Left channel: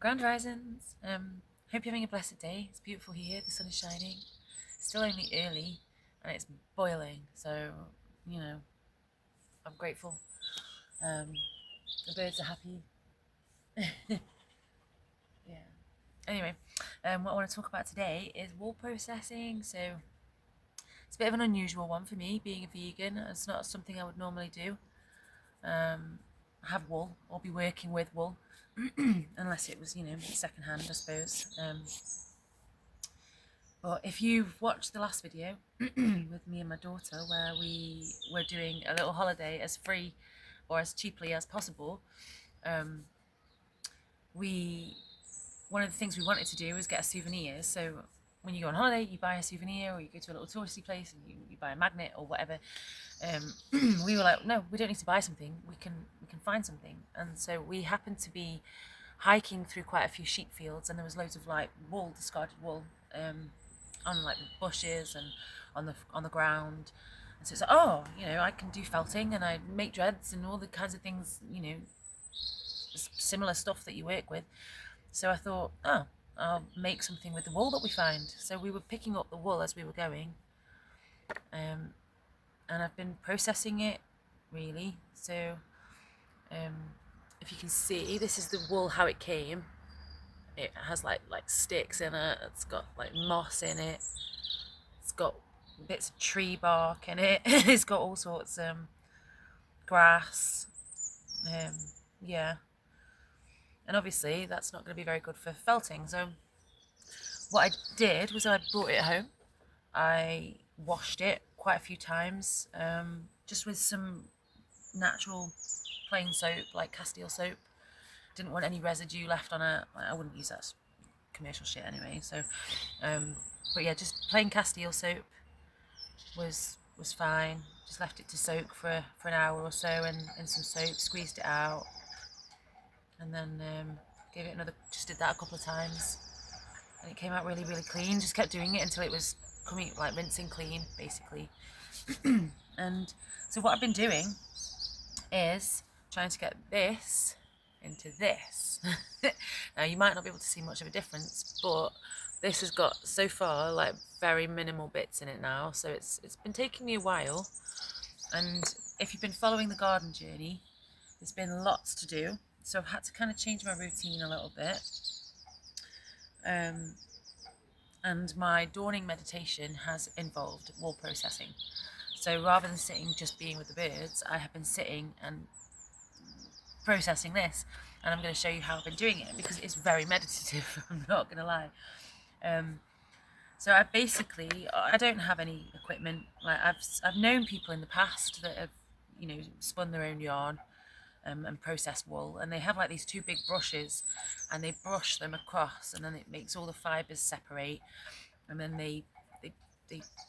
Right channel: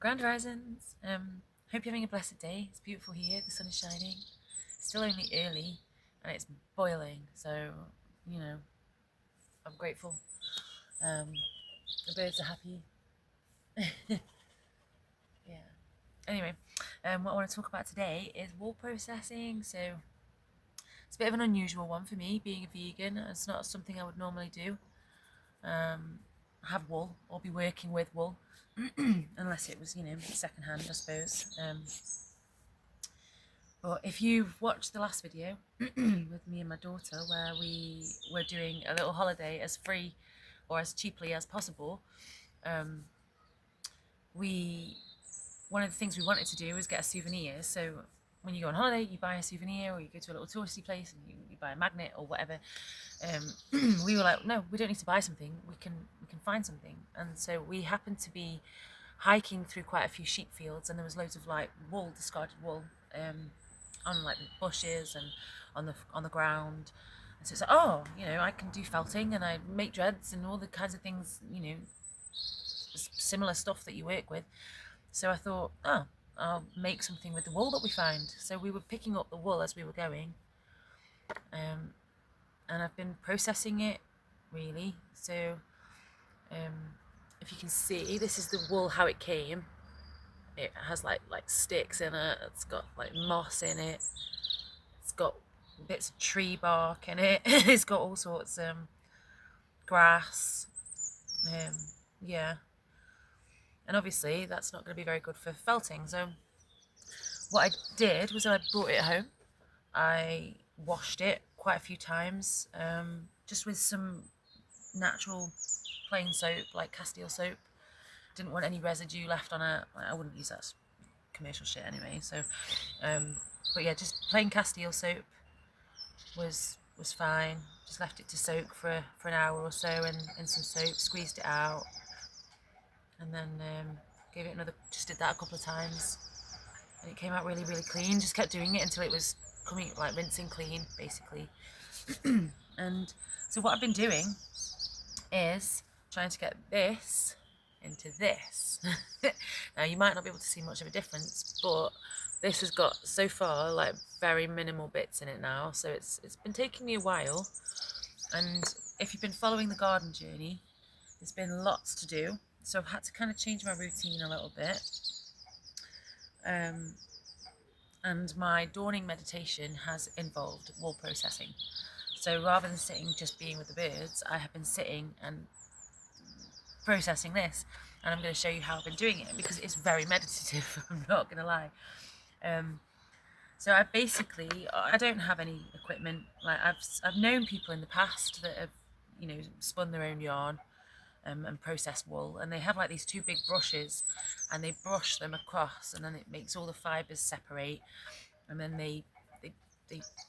Grand risings. Hope you're having a blessed day. It's beautiful here. The sun is shining. It's still only early, and it's boiling. So, you know, I'm grateful. Um, the birds are happy. Yeah. Anyway, what I want to talk about today is wool processing. So it's a bit of an unusual one for me, being a vegan. It's not something I would normally do. Have wool or be working with wool, unless it was, secondhand, I suppose. But if you've watched the last video with me and my daughter, where we were doing a little holiday as free or as cheaply as possible, one of the things we wanted to do was get a souvenir. So when you go on holiday, you buy a souvenir, or you go to a little touristy place and you buy a magnet or whatever. We were like, no, we don't need to buy something. We can find something. And so we happened to be hiking through quite a few sheep fields, and there was loads of like wool, discarded wool, on like the bushes and on the ground. And so it's like, oh, I can do felting and I make dreads and all the kinds of things, similar stuff that you work with. So I thought, oh, I'll make something with the wool that we find. So we were picking up the wool as we were going, and I've been processing it really. So if you can see, this is the wool how it came. It has like sticks in it. It's got like moss in it. It's got bits of tree bark in it. It's got all sorts grass. Yeah. And obviously that's not going to be very good for felting. So what I did was I brought it home. I washed it quite a few times, just with some natural plain soap, like Castile soap. Didn't want any residue left on it. I wouldn't use that commercial shit anyway. So, but yeah, just plain Castile soap was fine. Just left it to soak for an hour or so in some soap. Squeezed it out, and then gave it another. Just did that a couple of times, and it came out really, really clean. Just kept doing it until it was coming like rinsing clean, basically. And so what I've been doing is trying to get this into this. Now you might not be able to see much of a difference, but this has got so far like very minimal bits in it now, so it's been taking me a while. And if you've been following the garden journey, there's been lots to do, so I've had to kind of change my routine a little bit. And my dawning meditation has involved wool processing. So rather than sitting just being with the birds, I have been sitting and processing this, and I'm going to show you how I've been doing it, because it's very meditative. I'm not going to lie. So I don't have any equipment. Like I've known people in the past that have spun their own yarn and processed wool, and they have like these two big brushes, and they brush them across, and then it makes all the fibers separate, and then they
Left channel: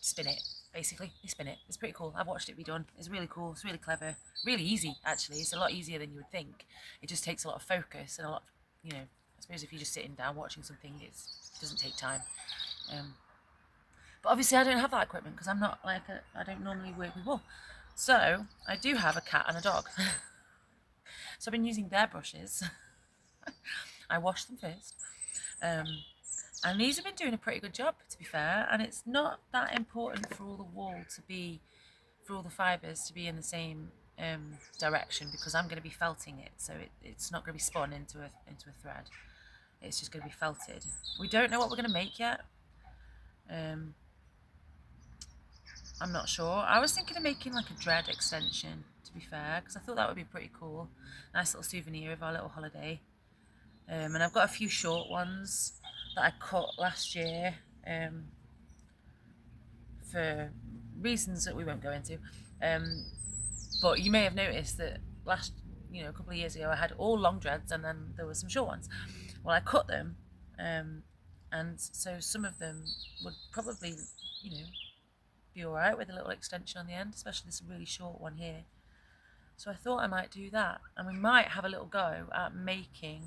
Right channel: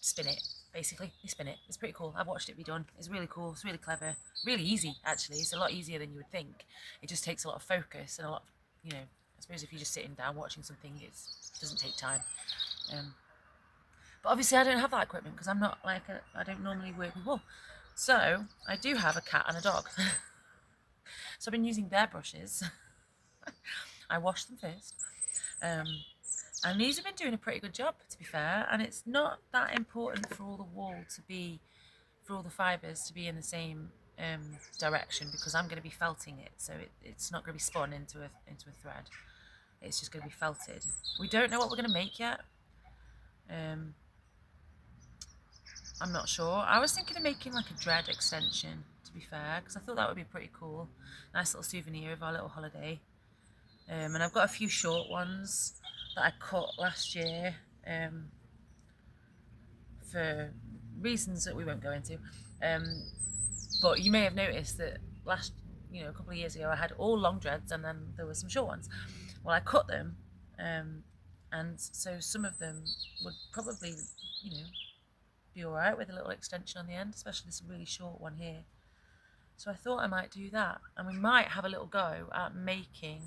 spin it. Basically, they spin it. It's pretty cool. I've watched it be done. It's really cool. It's really clever. Really easy, actually. It's a lot easier than you would think. It just takes a lot of focus and a lot of, I suppose if you're just sitting down watching something, it doesn't take time. But obviously I don't have that equipment, because I'm not like I don't normally work with wool. So I do have a cat and a dog. So I've been using their brushes. I washed them first. And these have been doing a pretty good job, to be fair. And it's not that important for all the wool for all the fibres to be in the same direction, because I'm going to be felting it. So it's not going to be spun into a thread. It's just going to be felted. We don't know what we're going to make yet. I'm not sure. I was thinking of making like a dread extension, to be fair, because I thought that would be pretty cool. Nice little souvenir of our little holiday. And I've got a few short ones that I cut last year for reasons that we won't go into. But you may have noticed that a couple of years ago, I had all long dreads, and then there were some short ones. Well, I cut them, and so some of them would probably, be all right with a little extension on the end, especially this really short one here. So I thought I might do that, and we might have a little go at making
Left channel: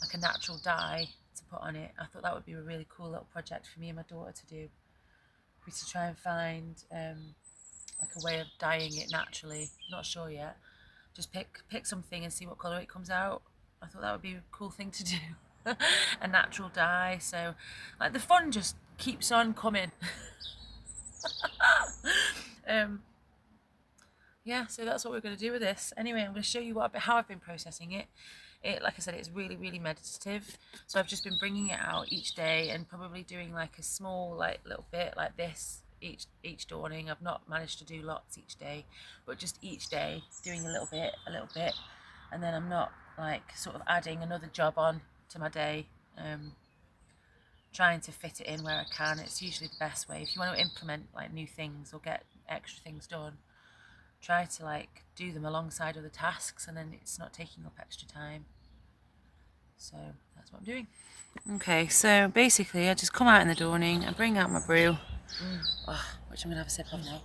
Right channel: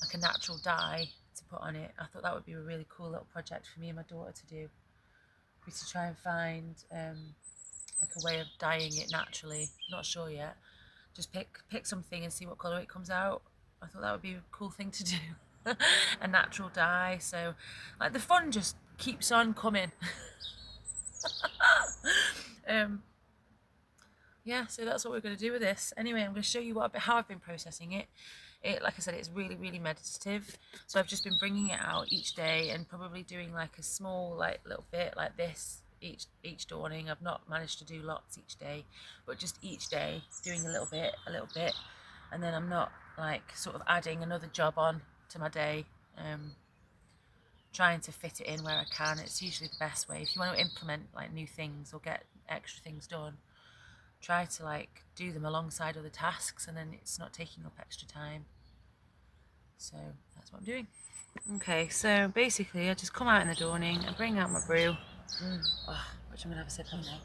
like a natural dye to put on it. I thought that would be a really cool little project for me and my daughter to do. We to try and find like a way of dyeing it naturally. Not sure yet. Just pick something and see what colour it comes out. I thought that would be a cool thing to do. A natural dye, so like the fun just keeps on coming. Yeah, so that's what we're going to do with this. Anyway, I'm going to show you how I've been processing it. Like I said, it's really meditative. So I've just been bringing it out each day and probably doing like a small little bit like this each dawning. I've not managed to do lots each day, but just each day doing a little bit, and then I'm not like sort of adding another job on to my day. Trying to fit it in where I can. It's usually the best way. If you want to implement like new things or get extra things done, try to like do them alongside other tasks, and then it's not taking up extra time. So that's what I'm doing. Okay, so basically I just come out in the dawning and bring out my brew, which I'm gonna have a sip of now.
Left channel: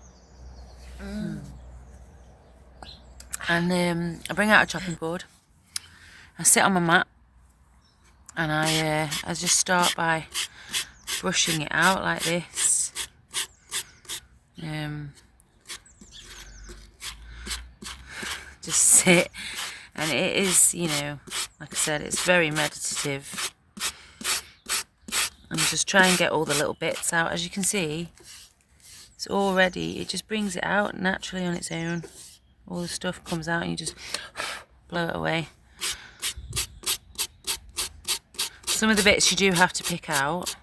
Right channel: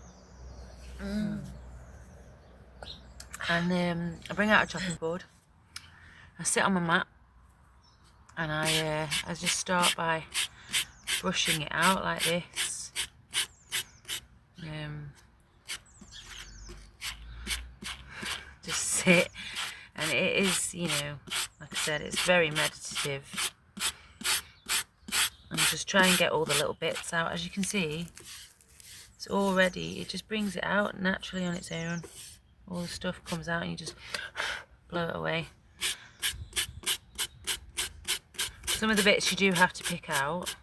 And I bring out a chopping board. I sit on my mat and I just start by brushing it out like this. Just sit, and it is, you know, like I said, it's very meditative. And just try and get all the little bits out. As you can see, it's already, it just brings it out naturally on its own. All the stuff comes out and you just blow it away. Some of the bits you do have to pick out.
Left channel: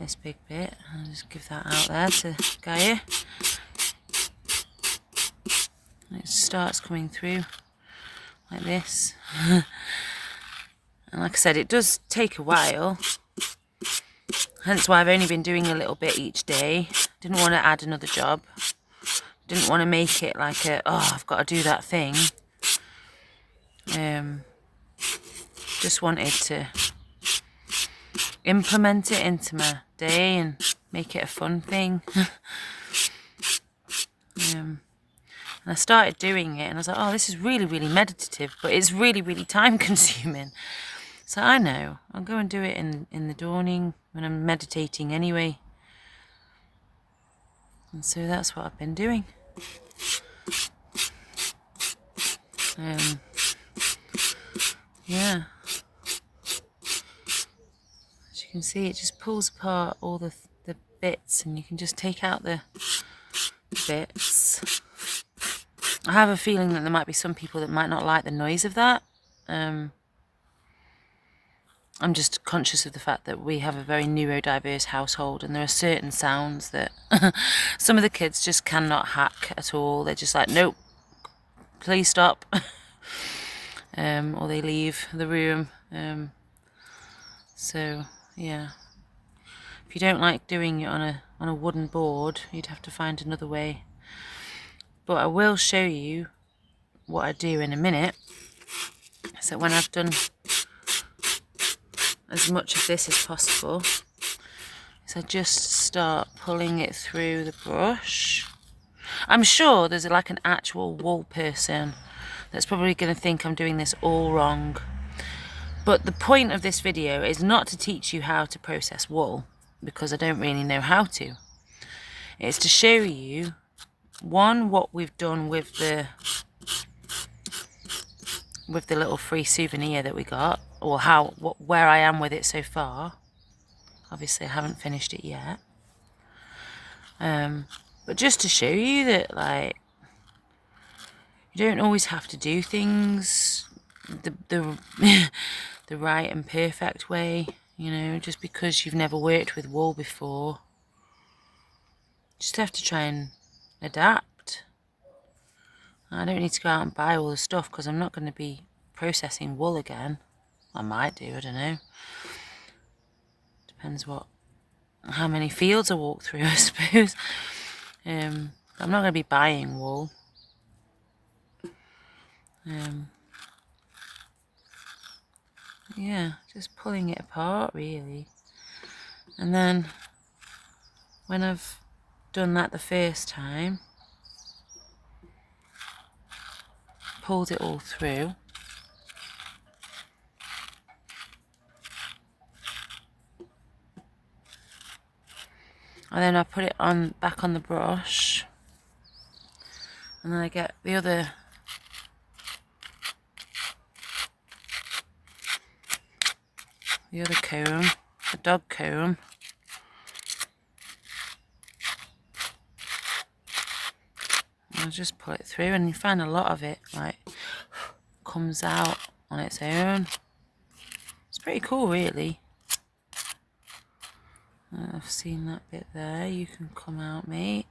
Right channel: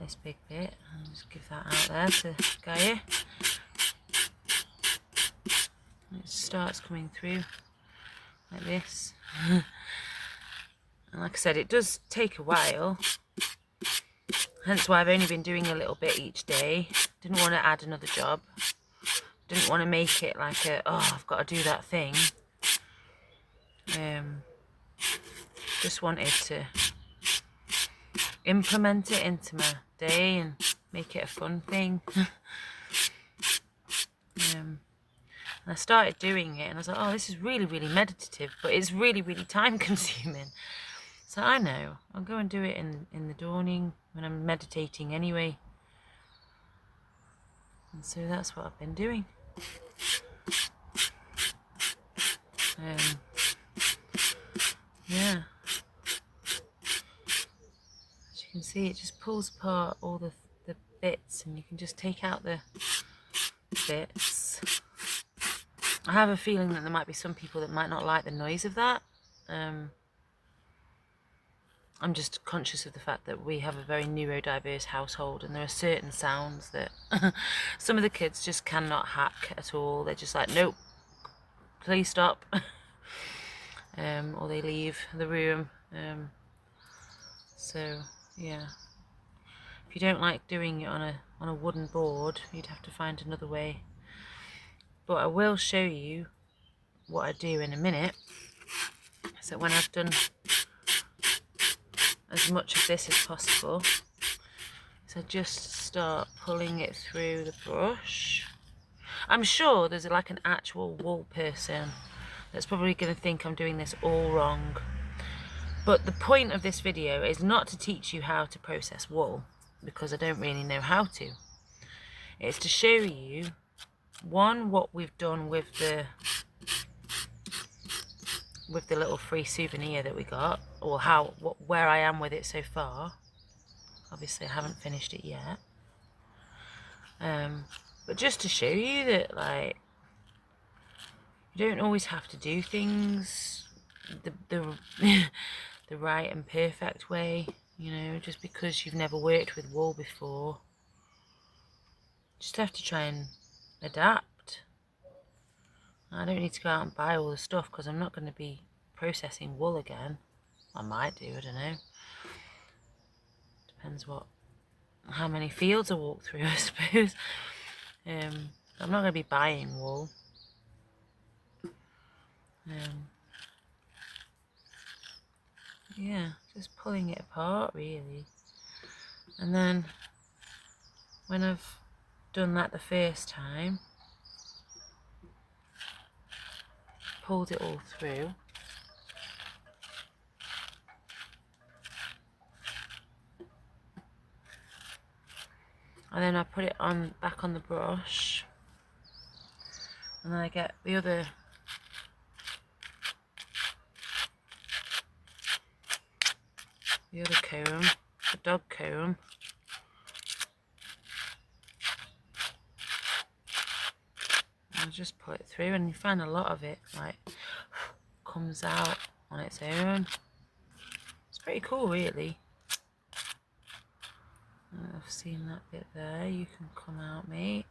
This big bit, I'll just give that out there to Gaia. It starts coming through like this. And like I said, it does take a while, hence why I've only been doing a little bit each day. Didn't want to add another job, didn't want to make it like I've got to do that thing. Just wanted to implement it into my day and make it a fun thing. And I started doing it and I was like, oh, this is really meditative, but it's really time consuming. So I know, I'll go and do it in the dawning when I'm meditating anyway. And so that's what I've been doing. Yeah. As you can see, it just pulls apart all the bits, and you can just take out the bits. I have a feeling that there might be some people that might not like the noise of that. I'm just conscious of the fact that we have a very neurodiverse household, and there are certain sounds that some of the kids just cannot hack at all. They're just like, nope, please stop. Or they leave the room. So yeah, if you don't like doing it on a wooden board, you'd have to find another way. But I will show you what I do in a minute. So when I've done as much of this as possible, so I just start pulling it through the brush. I'm sure there's like an actual wool person that's probably going to think I'm doing this all wrong. But the point of this video is not to teach you how to process wool, because I don't really know how to. It's to show you, one, what we've done with the little free souvenir that we got, or where I am with it so far. Obviously I haven't finished it yet. But just to show you that, like, you don't always have to do things the right and perfect way, you know, just because you've never worked with wool before. You just have to try and adapt. I don't need to go out and buy all the stuff, because I'm not going to be processing wool again. I might do, I don't know. Depends how many fields I walk through, I suppose. I'm not going to be buying wool. Yeah, just pulling it apart really. And then when I've done that the first time, pulled it all through, and then I put it back on the brush, and then I get the other the other comb, the dog comb. I'll just pull it through, and you find a lot of it like comes out on its own. It's pretty cool, really. I've seen that bit there. You can come out, mate.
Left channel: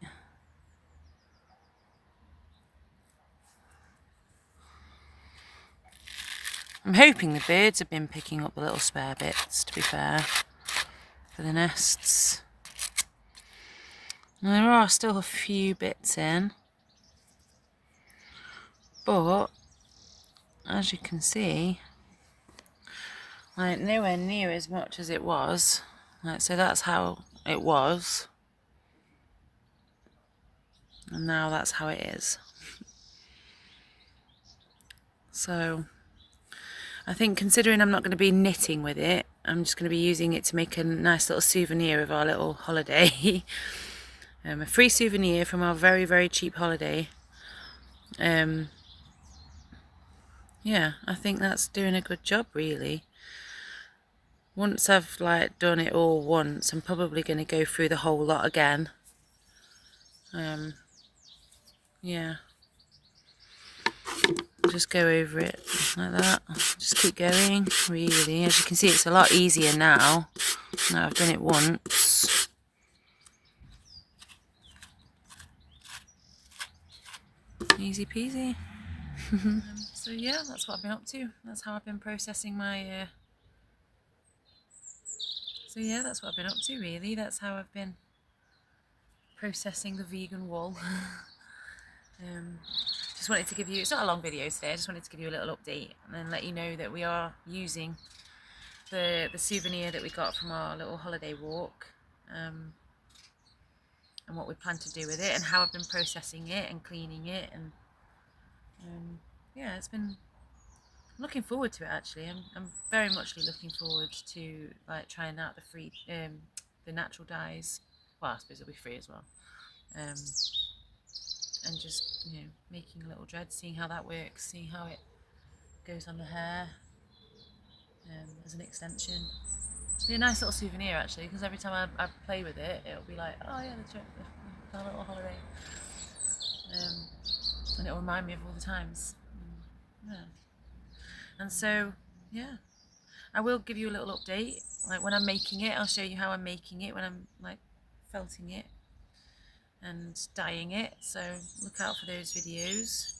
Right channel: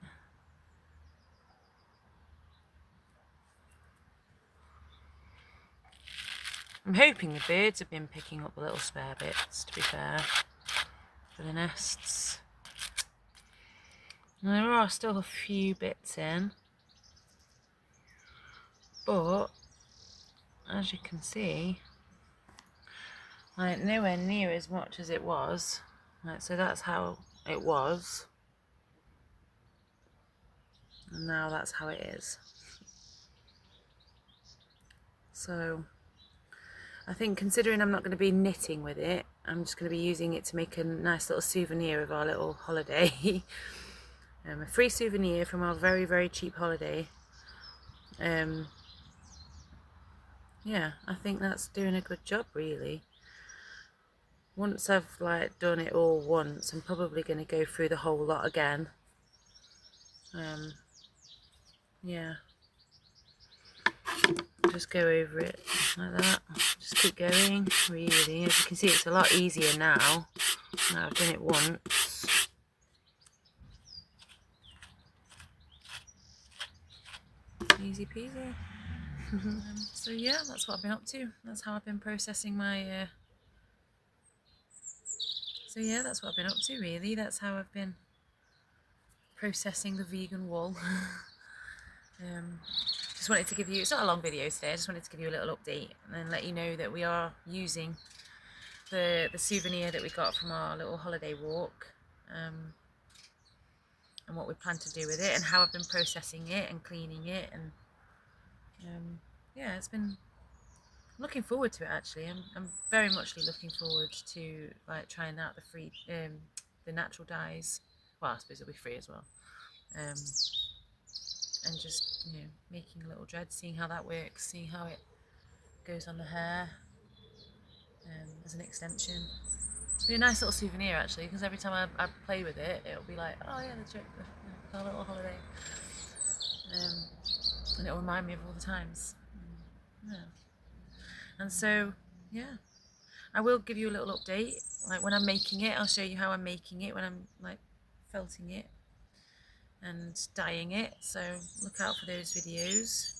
I'm hoping the birds have been picking up the little spare bits, to be fair, for the nests. And there are still a few bits in, but as you can see, like nowhere near as much as it was. Like, so that's how it was, and now that's how it is. So I think, considering I'm not going to be knitting with it, I'm just going to be using it to make a nice little souvenir of our little holiday. A free souvenir from our very, very cheap holiday. Yeah, I think that's doing a good job, really. Once I've like done it all once, I'm probably going to go through the whole lot again. Yeah. Just go over it like that. Just keep going, really. As you can see, it's a lot easier now. Now I've done it once. Easy peasy. So yeah, that's what I've been up to. That's how I've been processing my... So yeah, that's what I've been up to, really. That's how I've been processing the vegan wool. Just wanted to give you, it's not a long video today, I just wanted to give you a little update and then let you know that we are using the souvenir that we got from our little holiday walk, and what we plan to do with it and how I've been processing it and cleaning it, and yeah, it's been, I'm looking forward to it actually. I'm very much looking forward to like trying out the free, the natural dyes. Well, I suppose it'll be free as well. And just, you know, making a little dread, seeing how that works, seeing how it goes on the hair as an extension. It'll be a nice little souvenir actually, because every time I play with it, it'll be like, oh yeah, the little holiday, and it'll remind me of all the times. Yeah. And so, yeah, I will give you a little update. Like when I'm making it, I'll show you how I'm making it when I'm like felting it and dyeing it, so look out for those videos.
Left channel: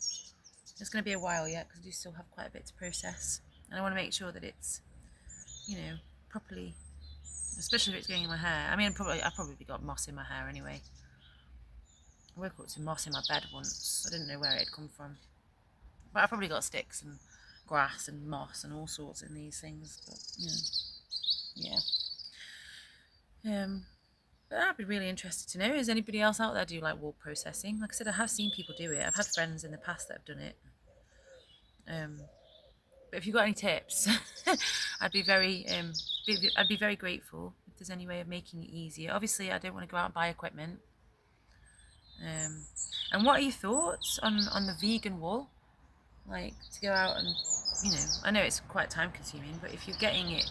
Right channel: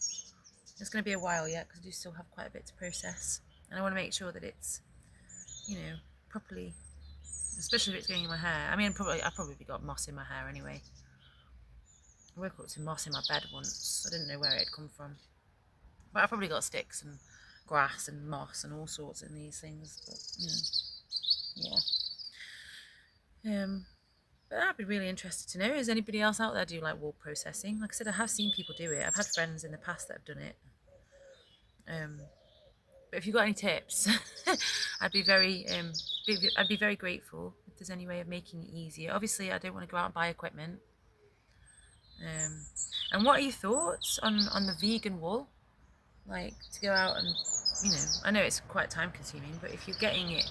It's going to be a while yet because I do still have quite a bit to process, and I want to make sure that it's, you know, properly, especially if it's going in my hair. I mean, I've probably got moss in my hair anyway. I woke up to moss in my bed once. I didn't know where it had come from, but I've probably got sticks and grass and moss and all sorts in these things. But you know, yeah. But I'd be really interested to know, is anybody else out there do like wool processing? Like I said, I have seen people do it. I've had friends in the past that have done it. But if you've got any tips, I'd be very grateful if there's any way of making it easier. Obviously, I don't want to go out and buy equipment. And what are your thoughts on the vegan wool? Like to go out and, you know, I know it's quite time consuming, but if you're getting it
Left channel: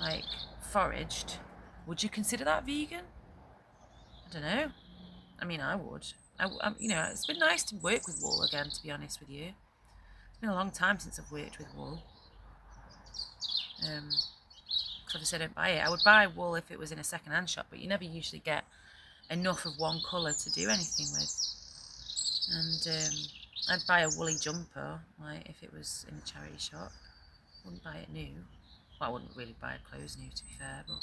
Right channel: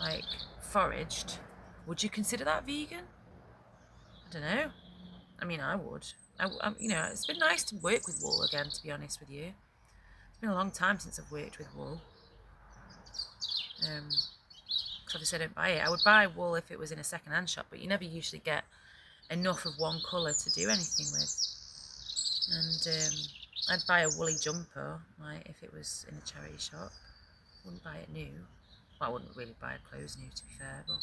like foraged, would you consider that vegan? I don't know. I mean, I would. You know, it's been nice to work with wool again, to be honest with you. It's been a long time since I've worked with wool. Because obviously I don't buy it. I would buy wool if it was in a second-hand shop, but you never usually get enough of one colour to do anything with. And I'd buy a woolly jumper, like if it was in a charity shop. Wouldn't buy it new. Well, I wouldn't really buy clothes new, to be fair, but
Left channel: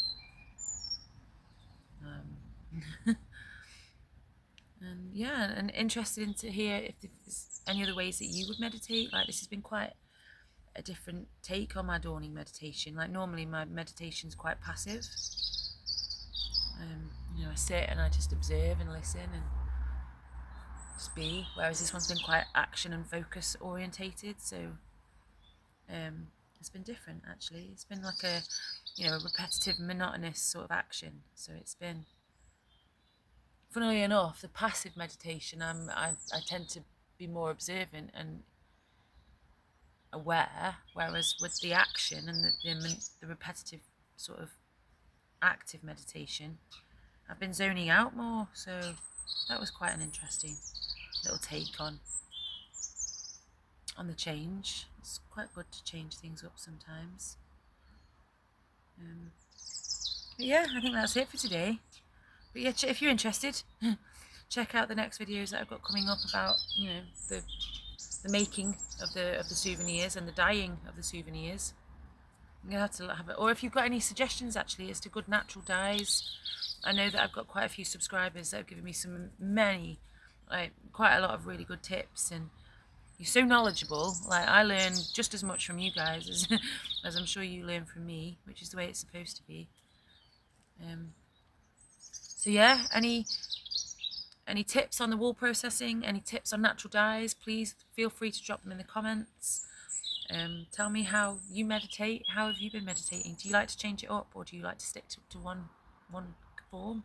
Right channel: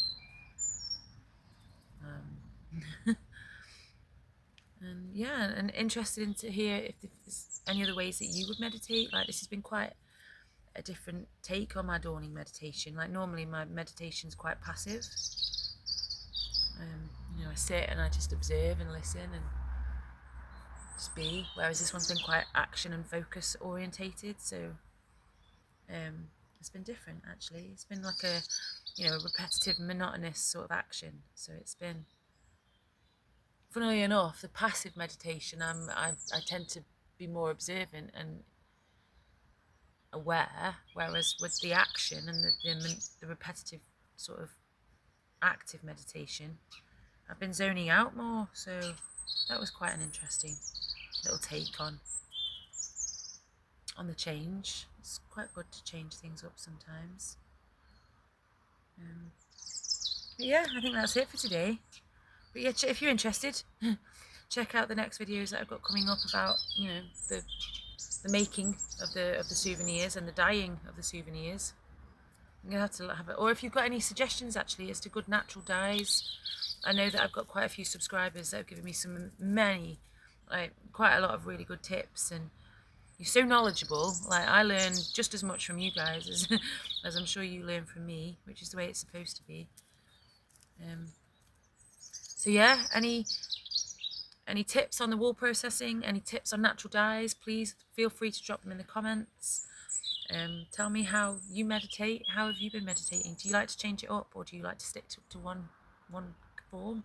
and yeah, and interested to hear if there's any other ways that you would meditate. Like this has been quite a different take on my dawning meditation. Like normally my meditation's quite passive. You know, I sit and I just observe and listen and just be, whereas this one's been quite action and focus orientated, so it's been different actually. It's been like a, you know, a repetitive, monotonous sort of action. So it's been, funnily enough, the passive meditation, I tend to be more observant and aware, whereas with the action and the repetitive sort of active meditation, I've been zoning out more. So that was quite an interesting little take on the change. It's quite good to change things up sometimes. But yeah, I think that's it for today. But yeah, if you're interested, check out the next videos that I've got coming up about, you know, the making of the souvenirs and the dyeing of the souvenirs. I'm gonna have to have it. Or if you've got any suggestions actually as to good natural dyes, I know that I've got quite a few subscribers that have given me quite a lot of really good tips, and you're so knowledgeable. Like, I learn just as much from you guys as as I'm sure you learn from me, which is the way it's supposed to be. So yeah, any tips on the wool processing, any tips on natural dyes, please feel free to drop them in the comments. Tell me how you meditate. How have you been meditating? Do you like to change it up, or do you like to stick to one form?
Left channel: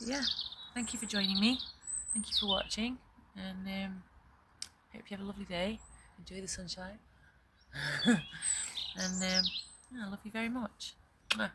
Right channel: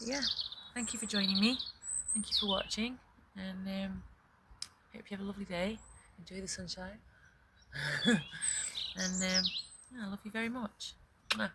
Yeah, thank you for joining me. Thank you for watching, and hope you have a lovely day. Enjoy the sunshine. And I love you very much. Mwah.